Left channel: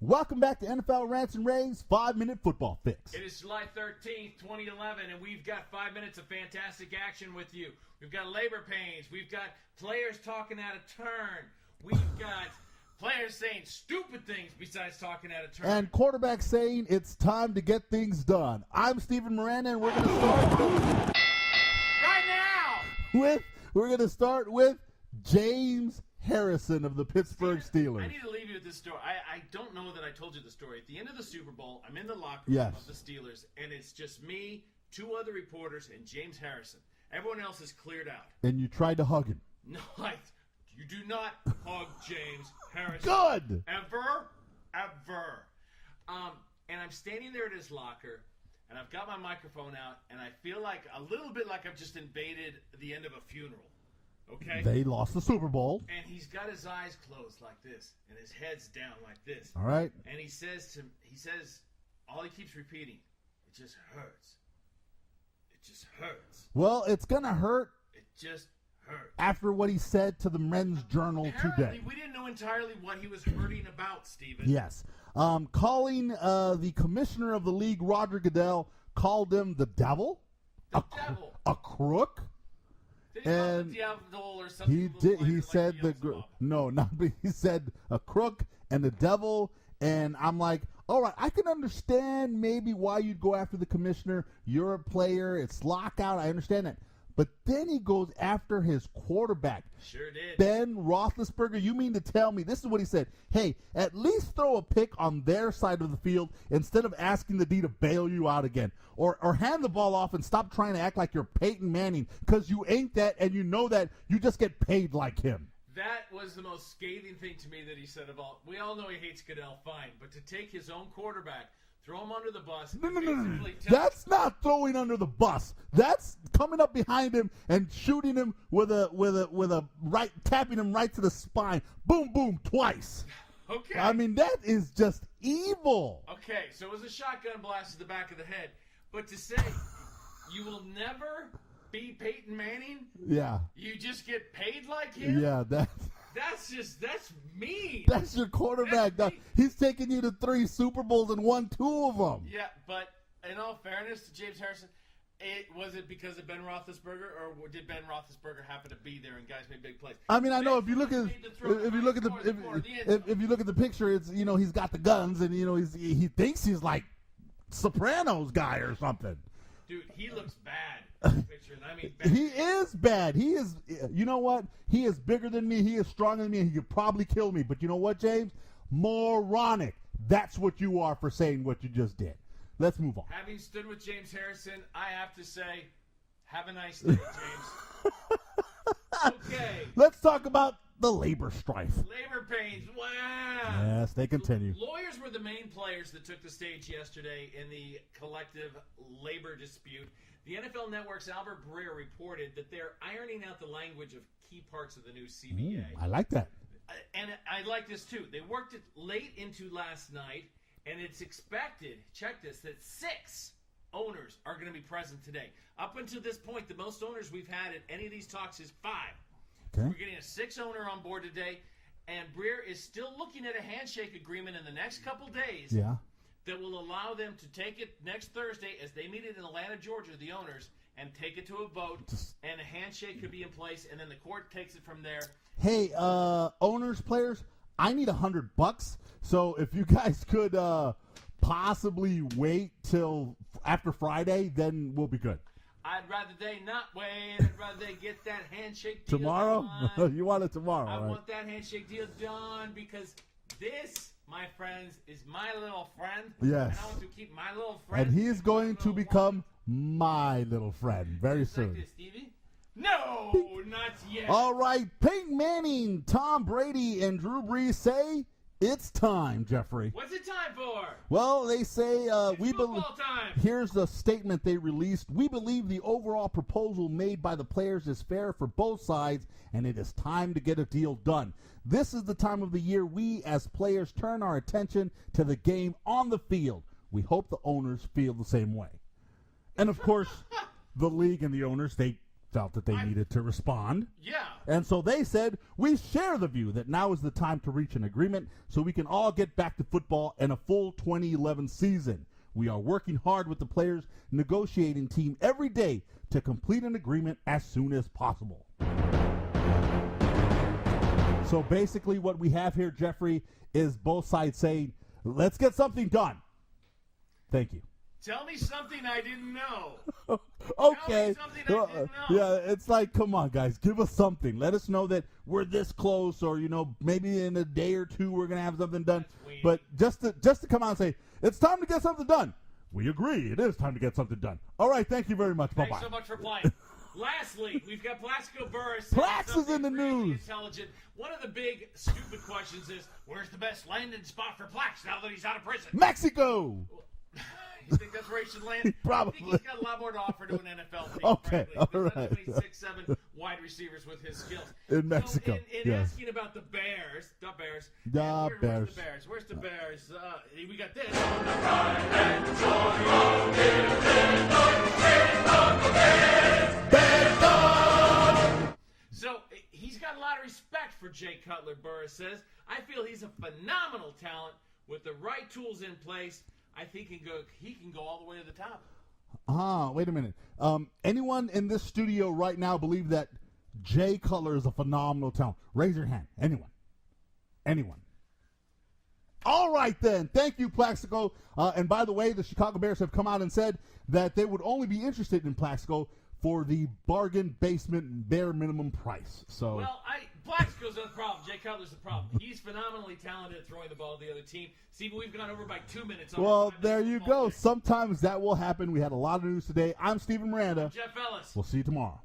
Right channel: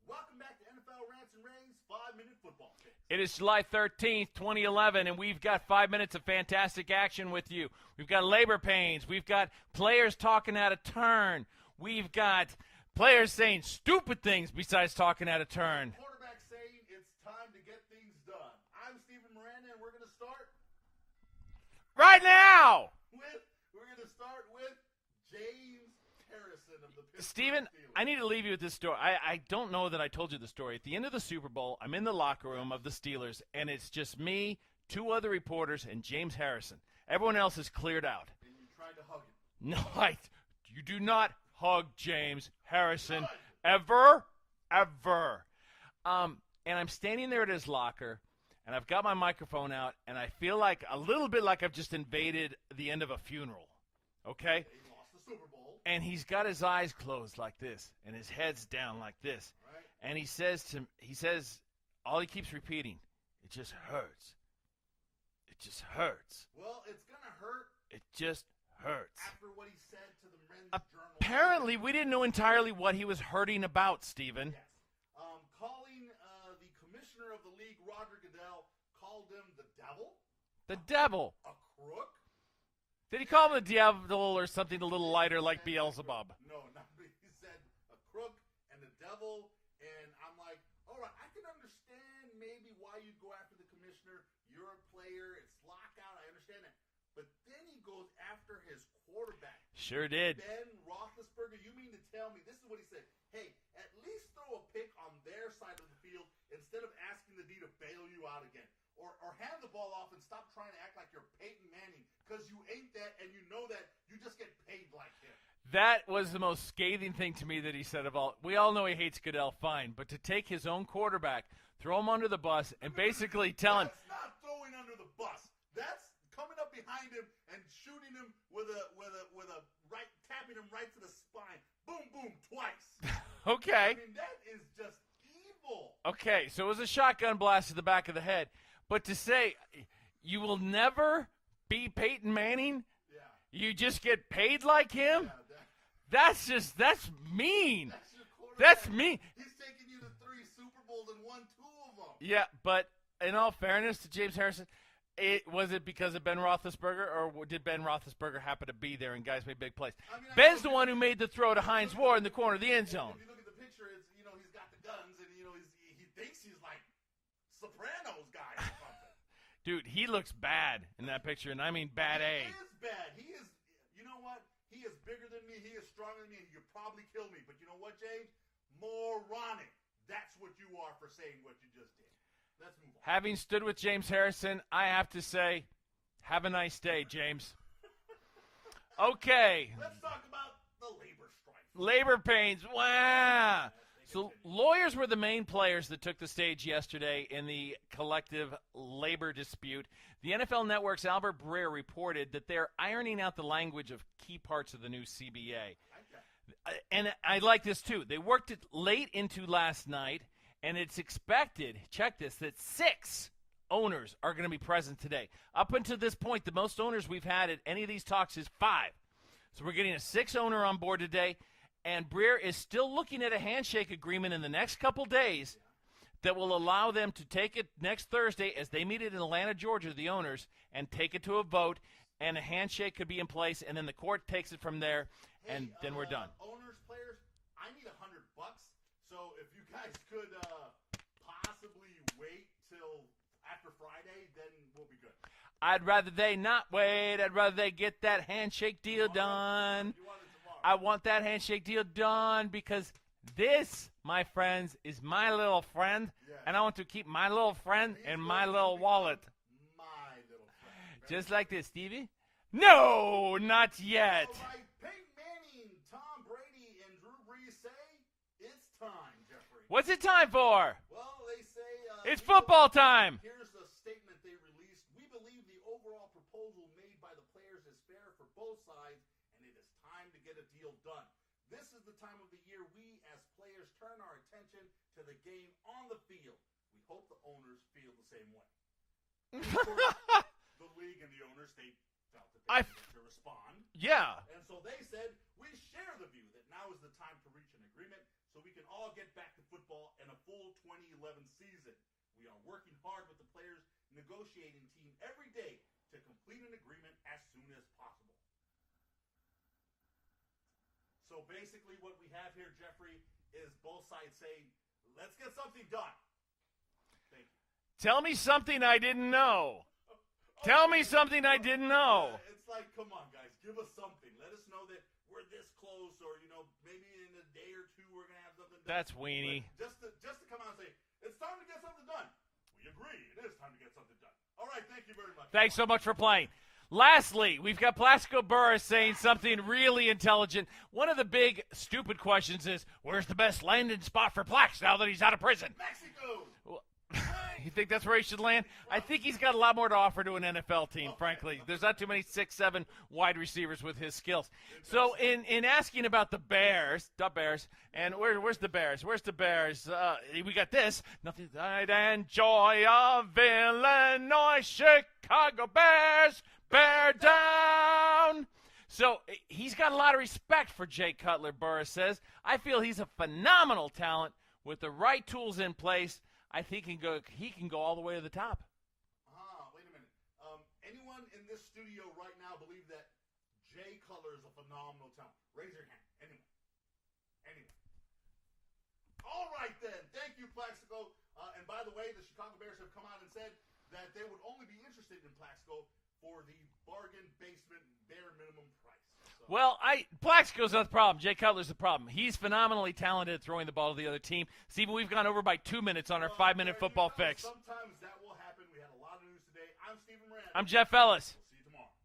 Welcome back to NFL Rants and Raves 5-Minute Football Fix. It is July 13th, 2011, and we've got 5 minutes of fantastic action with you. We've got labor pains. We've got players talking out of turn. We've got players saying stupid things besides talking out of turn. And quarterbacks saying it's time to get things done. I'm Steven Miranda, and we're going to start right now with James Harrison of the Pittsburgh Steelers. I need to leave you with this story. I don't know that I told you the story. At the end of the Super Bowl, I'm in the locker room of the Steelers, and it's just me, two other reporters, and James Harrison. Everyone else is cleared out. And you tried to hug him. No, you do not hug James Harrison. Good. Ever. And I'm standing there at his locker, and I've got my microphone out, and I feel like a little bit like I've just invaded the end of a funeral. Okay? They lost the Super Bowl. And he's got his eyes closed like this, and his head's down like this. All right. And he says, all he keeps repeating, it just hurts. It just hurts. Well, it's going to hurt. It just hurts. After what he said to the Men's Journal Apparently, today. we didn't know entirely what he was hurting about, Steven. Yes. Calling the commissioner of the league, Roger Goodell, called him the devil. The devil. A crook. Did he call him the devil or something a little lighter like Beelzebub? No, not. He said a crook and the devil, and I'm like, all right, I can understand maybe why you'd go after the commissioner. You're a player. It's lockout. I understand that. But then he goes after his quarterback. Sure did. Ben Roethlisberger, you mean to tell me, this is what he said, hey, at least throw a pick on their side of the field instead of asking the D to bail you out again. Or hand the ball off and stop trying to act like you're Peyton Manning, because you ain't that, and you know that. You just get paid like him. That was the most scathing thing to me that he said about, we all know he hates Goodell, fine, but to take his own quarterback, throw him under the bus, and basically tell him. That's not throwing under the bus. That's coming up behind him and shooting him with a right, tapping him right to the spine. Boom, boom, twice. Okay. I mean, that is just evil. Okay, so it was a shotgun blast to the back of the head. But to say you will never be Peyton Manning, you just get paid like him? Yeah, that's mean. That's your quarterback. That's mean. He's taking you to 3 Super Bowls and won 2 of them. Yeah, but in all fairness to James Harrison, was it because of Ben Roethlisberger, or did Ben Roethlisberger happen to be there and guys made big plays? I mean, Ben's the one who made the throw to Hines Ward in the corner of the end zone. If you look at the picture, it's he's got the guns and he thinks he's like Sopranos guy or something. Dude, he looks bad in that picture, and I mean bad. He is bad. He is. You know what? He is bigger than me. He is stronger than me. And he could probably kill me. But you know what, James? Moronic. That's what you are for saying what you just did. Let's move on. Having stood with James Harrison, I have to say, have a nice day, James. Okay. Let's talk about the labor strife. Labor pains. Wow. Yes, they continue. Lawyers were the main players that took the stage yesterday in the collective labor dispute. The NFL Network's Albert Breer reported that they're ironing out the language of key parts of the new CBA. I like that. And I like this, too. They worked it late into last night, and it's expected, check this, that 6 owners are going to be present today. Up until this point, the most owners we've had at any of these talks is 5. So we're getting a 6th owner on board today, and Breer is still looking at a handshake agreement in the next couple days that will allow them to take it next Thursday as they meet in Atlanta, Georgia, the owners, and take it to a vote, and a handshake could be in place, and then the court takes it from there. Hey, owners, players, I need $100. So if you guys could possibly wait till after Friday, then we'll be good. I'd rather they not wait. I'd rather they get that handshake deal done. You want it tomorrow. I want that handshake deal done because this, my friends, is my little friend. Yes. And I want to keep my little friend and he's in going my little to become wallet. My little friend. Very Just soon. like this, Stevie? No, not yet. All right. Peyton Manning, Tom Brady, and Drew Brees say it's time, Jeffrey. What's it time for? Well, they say it's football time. Here's the statement they released. We believe the overall proposal made by the players is fair for both sides, and it is time to get a deal done. This is the time of the year we, as players, turn our attention to the game on the field. We hope the owners feel the same way. And, of course, the league and the owners, they felt that they needed to respond. Yeah. And so they said, we share the view that now is the time to reach an agreement so we can all get back to football and a full 2011 season. We are working hard with the players' negotiating team every day to complete an agreement as soon as possible. So basically what we have here, Jeffrey, is both sides saying, let's get something done. Thank you. Tell me something I didn't know. Okay. Tell me something I didn't know. Yeah, it's like, come on, guys, give us something. Let us know that we're this close, or maybe in a day or two we're gonna have something done. That's weenie. But just to come out and say it's time to get something done. We agree. It is time to get something done. All right, thank you very much. Thanks Bye-bye. so much for playing. Lastly, we've got Plaxico Burress saying Plax is something in the really news. intelligent. One of the big, stupid questions is, where's the best landing spot for Plax now that he's out of prison? Mexico. You think that's where he should land? I think he's got a lot more to offer to an NFL team, Okay, frankly. There's not too many 6'7" wide receivers with his skills. In So Mexico, in yeah. asking about the Bears, and where's the Bears? Where's the Bears? We got this. The pride and joy of Illinois, Chicago Bears, Bears up! So he's got a lot of respect for Jay Cutler, Burress says. I feel he's a phenomenal talent with the right tools in place. I think he can go all the way to the top. Wait a minute. Anyone in this studio right now believe that Jay Cutler is a phenomenal talent? Raise your hand. Anyone? All right, then. Thank you, Plaxico. And by the way, the Chicago Bears have come out and said that they would only be interested in Plaxico for the bargain basement bare minimum price. So Well, Plaxico's not the problem. Jay Cutler's the problem. He's phenomenally talented at throwing the ball to the other team. Stephen, we've gone over by 2 minutes on our 5-minute there football you go. fix. Sometimes that will happen. We had a lot of news today. I'm Stephen Miranda. I'm Jeff Ellis. We'll see you tomorrow.